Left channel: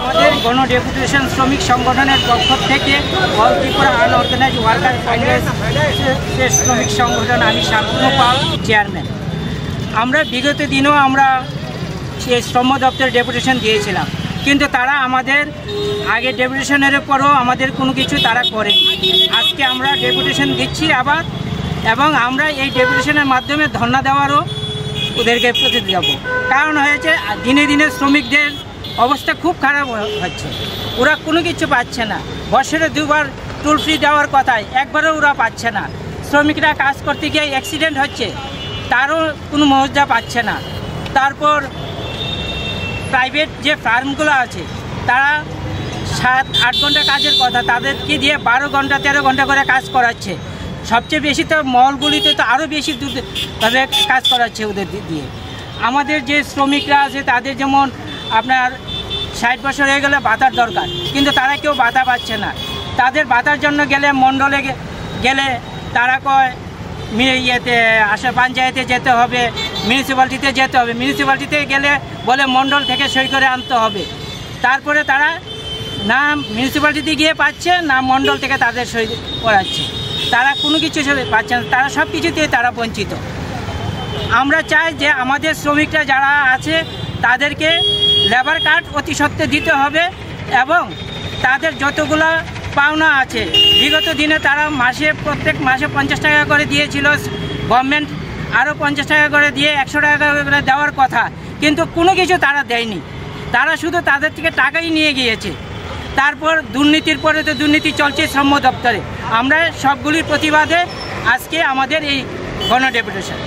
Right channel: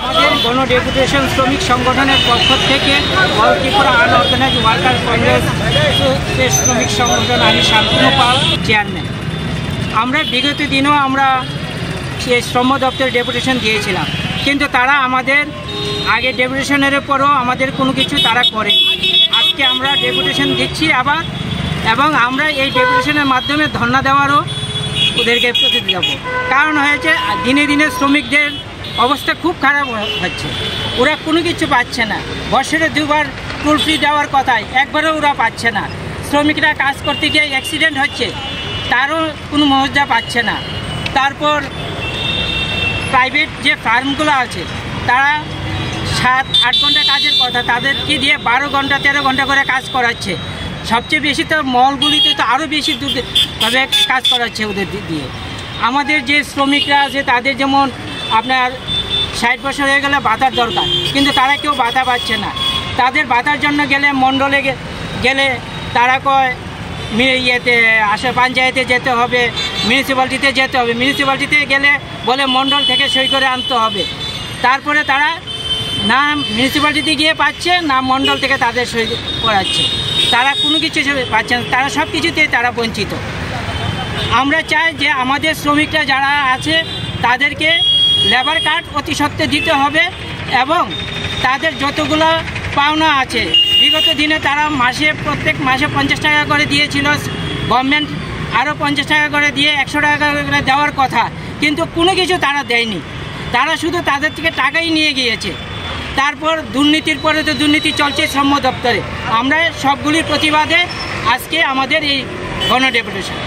আমাদের গণ ডেপুটেশন শ্রমিক সংগঠনের পক্ষ থেকে all Tripura unorganised worker Congress শ্রমিক সংগঠন, আমি শান্তনু পাল, চেয়ারম্যান। আমরা বিগত দিনেও আমরা সেই শ্রম দপ্তরে ডেপুটেশন দিয়েছিলাম, কিন্তু তারা আমাদের আগে ডেপুটেশনের পরও আমাদের কোনো কিছু তারা করেনি। আজকে আমরা ডেপুটেশন দিচ্ছি আবার, এবং আমরা এই ডেপুটেশনের মাধ্যমে ধর্ণা দেওয়ারও ওদেরকে প্রতিনিধি দেব। কারণ হয়েছে দিনে দিনে শ্রমিকদের অবস্থা খুব খারাপ হচ্ছে, ওরা কোনো কিছু পাচ্ছে না। বছরে দুবার টোল ফ্রি দেওয়ার কথায় একবারও ওরা পাচ্ছে না। শ্রমিকরা কাজ করতে গিয়ে অ্যাক্সিডেন্ট হচ্ছে, তারও কোনো মর্যাদা পাচ্ছে না। তারপর প্রাইভেট যে ফার্মগুলো আছে তারা 7-8 ঘন্টা কাজের কথা, তাদেরকে দিয়ে 12 ঘন্টা 13 ঘন্টা করে কাজ করাচ্ছে। সবচেয়ে বেশি তো মলগুলিতে তো আরও বেশি তবে কাজ করাচ্ছে ওদের দিয়ে। আমাদের যে শ্রমিকরা আছে তাদের যেমন আপনার 60 বছর হয়ে গেলে ভাতার দরকার, কিন্তু তারা কেউ ভাতা পাচ্ছে না। তাদের ভাতার জন্য গেলে মণ্ডলে গেলে তারা কয় আসে পঞ্চায়েতে যেতে হবে, মিউনিসিপ্যালিটিতে যেতে হবে। মিউনিসিপ্যালিটিতে গেলে বলে মণ্ডল থেকে সই করে আনতে হবে। তারপরে তারা না মিউনিসিপ্যালিটিতে গিয়ে পাচ্ছে, না মণ্ডল থেকে তাদের সই করাচ্ছে। তারা কোনো কিছু পাচ্ছে না, তারা সব কিছুতেই তারা বঞ্চিত। আমরা চাই যে আমাদের শ্রমিকরা যারা আছে তাদেরকে লেবার কার্ড অতি সত্ত্বর দিতে হবে, এবং তাদের যতগুলো পাওনা আছে বিগত দিনে তারা প্রত্যেক মাসে 50 টাকা করে দিয়েছিল। গভর্নমেন্ট আরও 50 টাকা করে দিয়ে 100 টাকা করে দেওয়ার কথা, কিন্তু কোনো কিছু তারা দেয়নি। তারা শুধু তাদের থেকে টাকাই নিয়ে গিয়েছে। তারপর দুর্নীতির পরে তো দুর্নীতি চলছে শ্রম দপ্তরে। আমরা সবগুলির প্রতিবাদে আজকে আমাদের এই গণ ডেপুটেশন।